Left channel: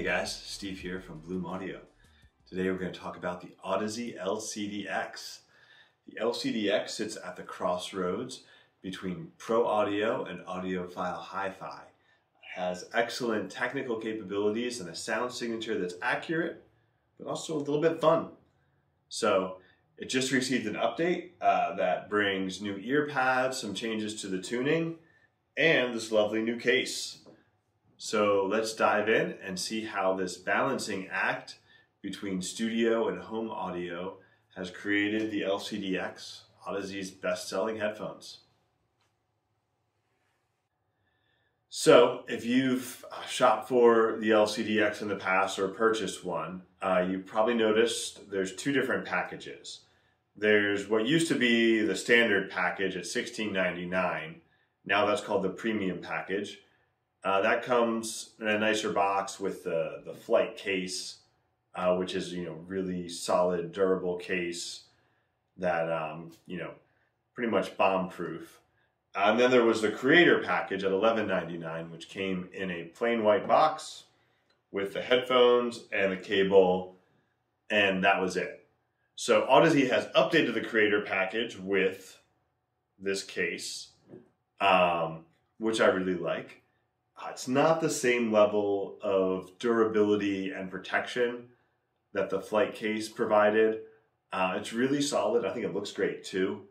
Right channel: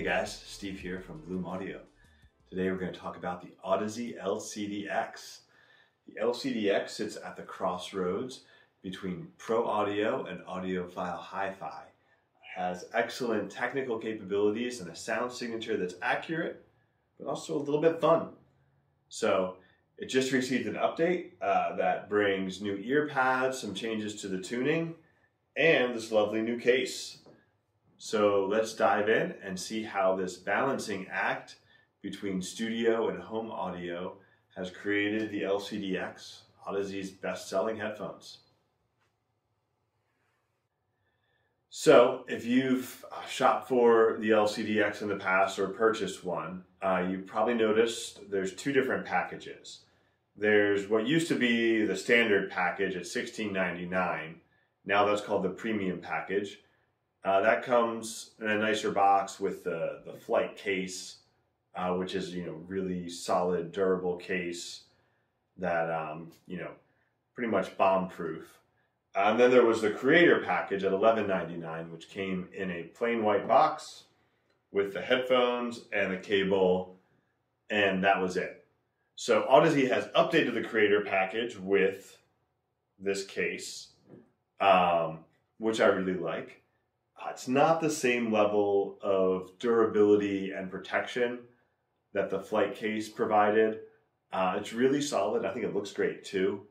Hey guys, Steve here from Bloom Audio. Today we're going to talk about the Audeze LCD-X. The LCD-X sits at the crossroads between pro audio and audiophile hi-fi. It has excellent technical capabilities and a sound signature that's accurate, but also a little bit fun. So it just received an update that brings new ear pads, some changes to the tuning, and this lovely new case. So let's dive in and see how this balancing act between studio and home audio has created the LCD-X, Audeze's best-selling headphones. So if you've shopped for the LCD-X in the past or purchased one, you probably noticed there's two different packages. There's what used to be the standard package at $16.99. Now that's called the premium package. That comes in a nicer box with the flight case, which is, really solid, durable case that, pretty much bomb-proof. And then there was the creator package at $11.99, which came in a plain white box with the headphones and the cable, and that was it. So Audeze has updated the creator package with this case, which I really like. It's not the same level of durability and protection that the flight case provided. It's really solid. I think it looks great too.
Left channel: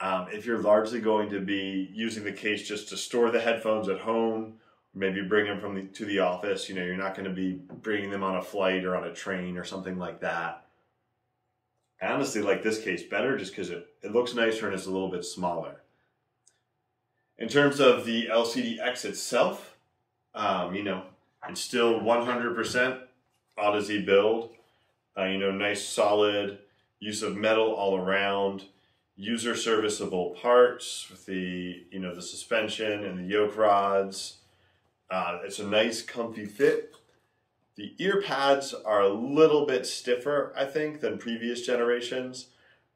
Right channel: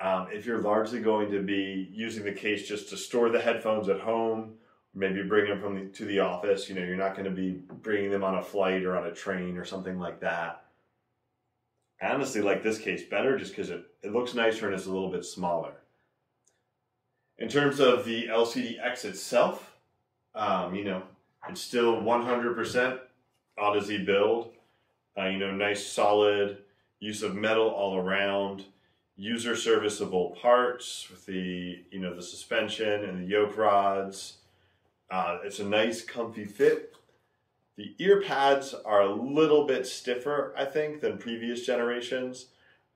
If you're largely going to be using the case just to store the headphones at home, maybe bring them to the office, you're not going to be bringing them on a flight or on a train or something like that. I honestly like this case better just because it looks nicer and it's a little bit smaller. In terms of the LCD-X itself, it's still 100% Audeze build. Nice solid use of metal all around, user serviceable parts with the suspension and the yoke rods. It's a nice comfy fit. The ear pads are a little bit stiffer, I think, than previous generations,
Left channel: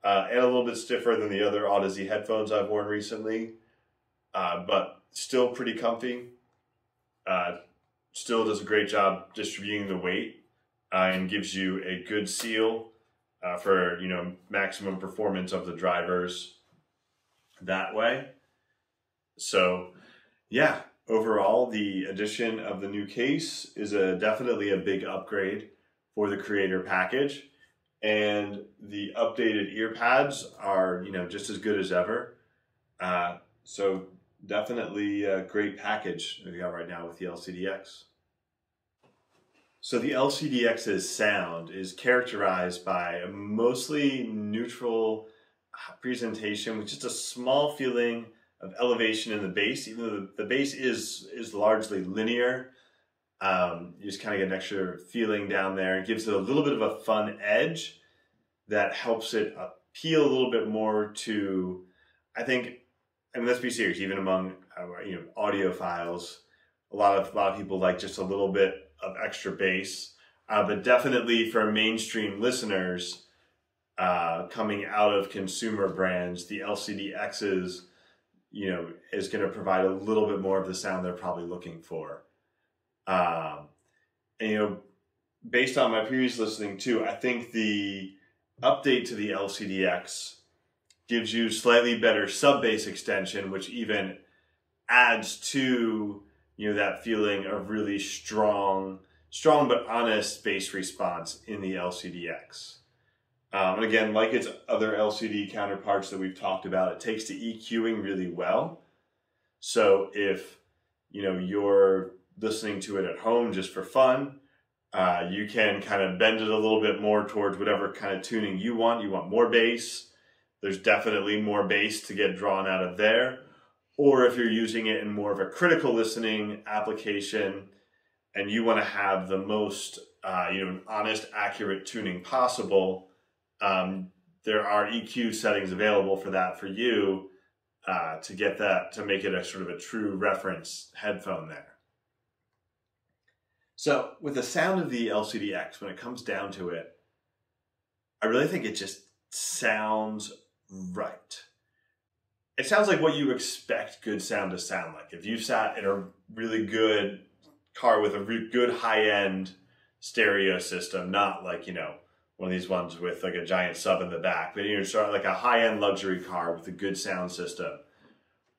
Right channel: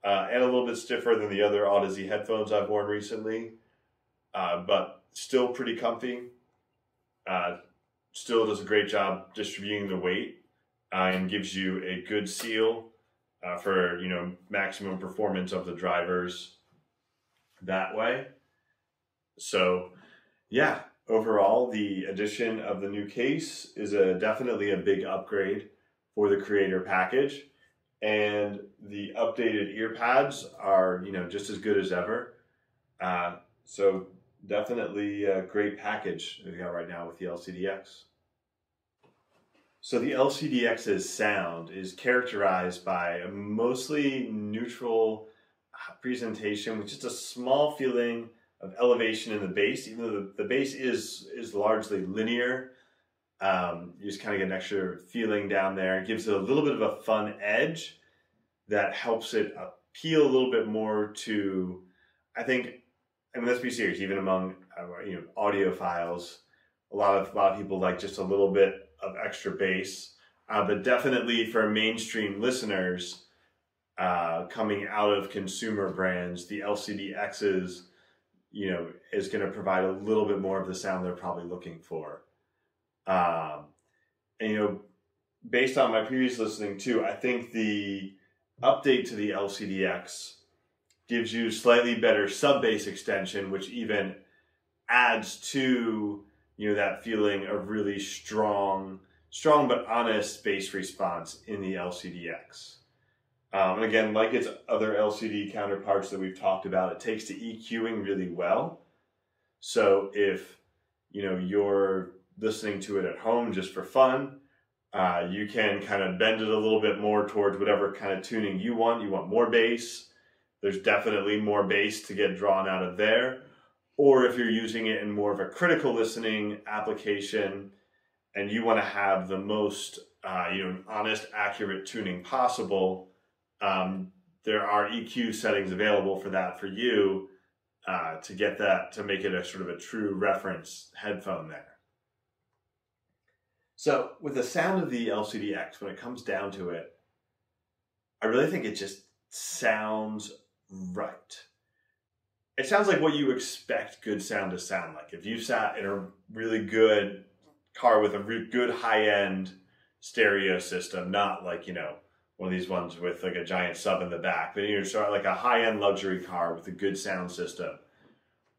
and a little bit stiffer than the other Audeze headphones I've worn recently, but still pretty comfy. Still does a great job distributing the weight and gives you a good seal for maximum performance of the drivers that way. So yeah, overall the addition of the new case is definitely a big upgrade for the creator package, and the updated ear pads are just as good as ever. So definitely a great package we got right now with the LCD-X. So the LCD-X's sound is characterized by a mostly neutral presentation with just a small feeling of elevation in the bass, even though the bass is largely linear. You just kind of get an extra feeling down there. It gives it a little bit of a fun edge that helps it appeal a little bit more to, let's be serious, even among audiophiles, a lot of people like just a little bit of extra bass, but definitely for mainstream listeners coming out of consumer brands, the LCD-X's is going to provide a little bit more of the sound they're probably looking for. Based on my previous listening too, I think the update to the LCD-X gives you slightly better sub-bass extension, which even adds to that feeling of really strong but honest bass response in the LCD-X. And again, like its other LCD counterparts that we've talked about, it takes to EQing really well. So if you're listening to it at home just for fun, you can kind of bend it a little bit more towards whatever kind of tuning you want. You want more bass, there's definitely more bass to get drawn out of there. Or if you're using it in more of a critical listening application and you want to have the most honest, accurate tuning possible, there are EQ settings available for that for you to get that, to make it a sort of a true reference headphone there. So with the sound of the LCD-X, when it comes down to it, I really think it just sounds right. It sounds like what you expect good sound to sound like. If you sat in a really good car with a really good high-end stereo system, not like, you know, one of these ones with like a giant sub in the back, but you're sort of like a high-end luxury car with a good sound system.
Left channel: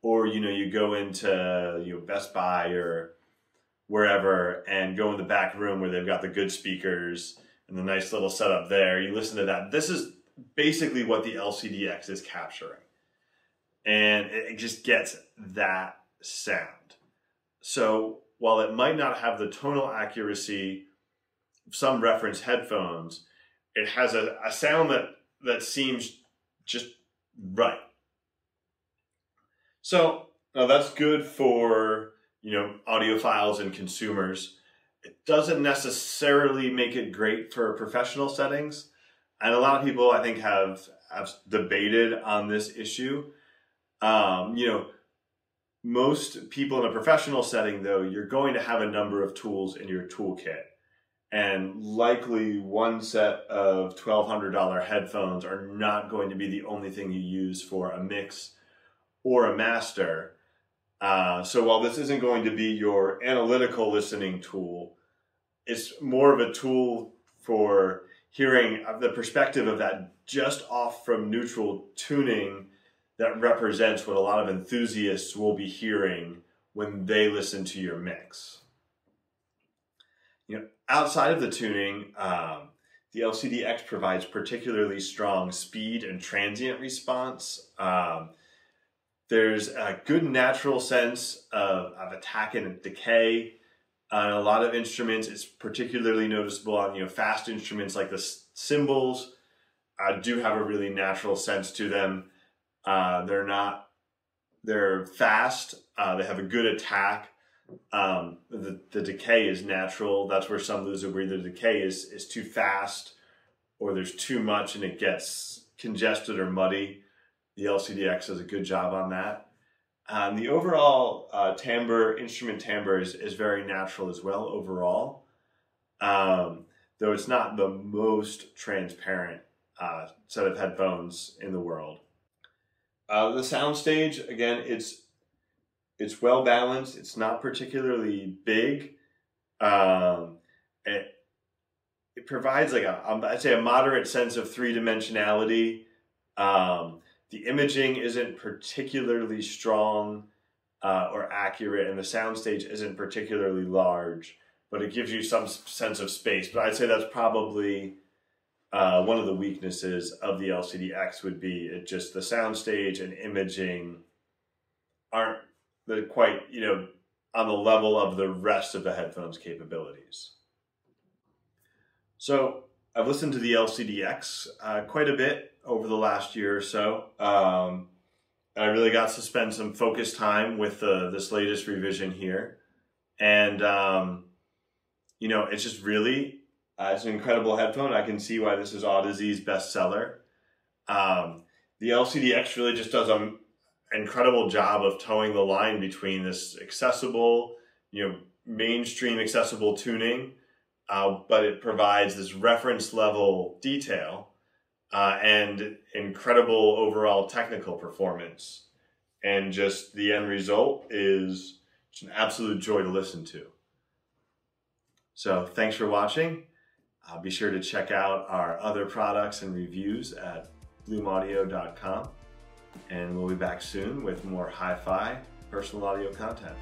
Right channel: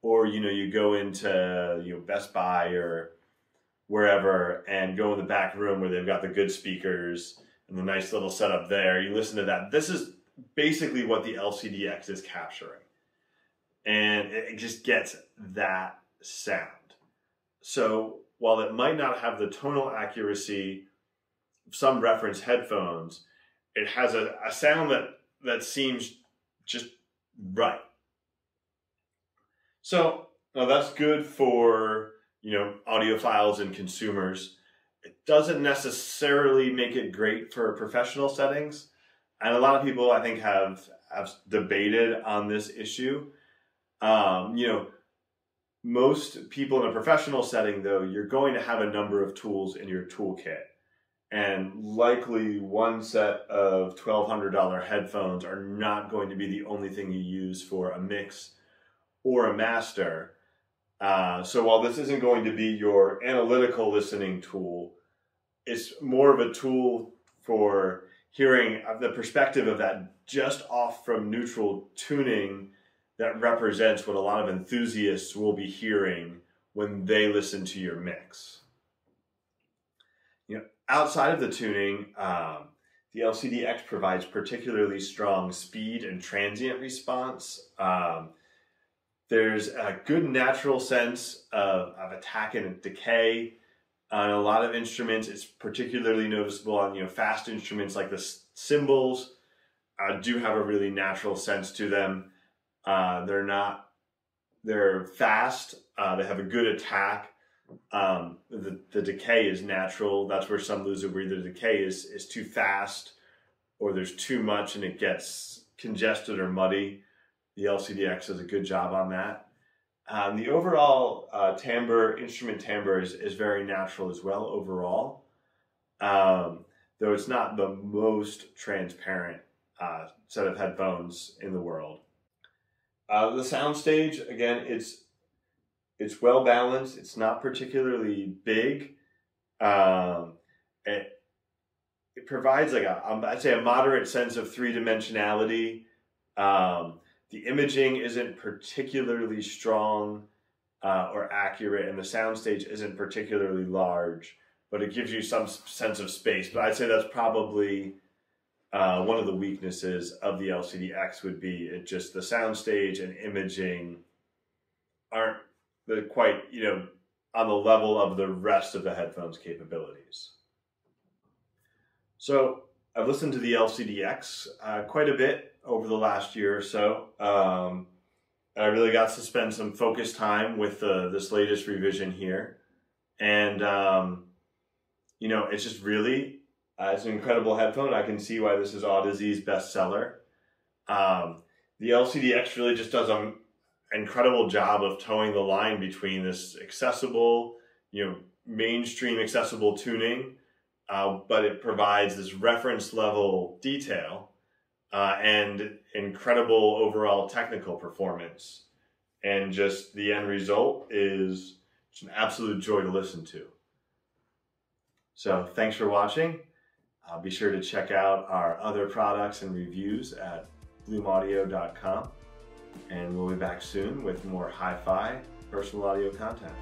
Or, you know, you go into, you know, Best Buy or wherever and go in the back room where they've got the good speakers and the nice little setup there. You listen to that. This is basically what the LCD-X is capturing. And it just gets that sound. So while it might not have the tonal accuracy of some reference headphones, it has a sound that seems just right. So now that's good for, you know, audiophiles and consumers. It doesn't necessarily make it great for professional settings. And a lot of people, I think, have debated on this issue. You know, most people in a professional setting, though, you're going to have a number of tools in your toolkit. And likely one set of $1,200 headphones are not going to be the only thing you use for a mix or a master. So while this isn't going to be your analytical listening tool, it's more of a tool for hearing the perspective of that just off from neutral tuning that represents what a lot of enthusiasts will be hearing when they listen to your mix. You know, outside of the tuning, the LCD-X provides particularly strong speed and transient response. There's a good natural sense of attack and decay. On a lot of instruments, it's particularly noticeable on, you know, fast instruments like the cymbals. Do have a really natural sense to them. They're fast. They have a good attack. The decay is natural. That's where some lose it, where either the decay is too fast or there's too much and it gets congested or muddy. The LCD-X does a good job on that. The overall instrument timbre is very natural as well overall, though it's not the most transparent set of headphones in the world. The soundstage, again, it's well balanced. It's not particularly big. It provides like I'd say a moderate sense of three-dimensionality. The imaging isn't particularly strong or accurate, and the soundstage isn't particularly large, but it gives you some sense of space. But I'd say that's probably one of the weaknesses of the LCD-X would be the soundstage and imaging aren't quite, you know, on the level of the rest of the headphones capabilities. So I've listened to the LCD-X quite a bit over the last year or so. I really got to spend some focused time with this latest revision here. And, you know, it's just really, it's an incredible headphone. I can see why this is Audeze's bestseller. The LCD-X really just does an incredible job of towing the line between this accessible, you know, mainstream accessible tuning, but it provides this reference level detail and incredible overall technical performance. And just the end result is just an absolute joy to listen to. So thanks for watching. Be sure to check out our other products and reviews at bloomaudio.com. And we'll be back soon with more hi-fi personal audio content.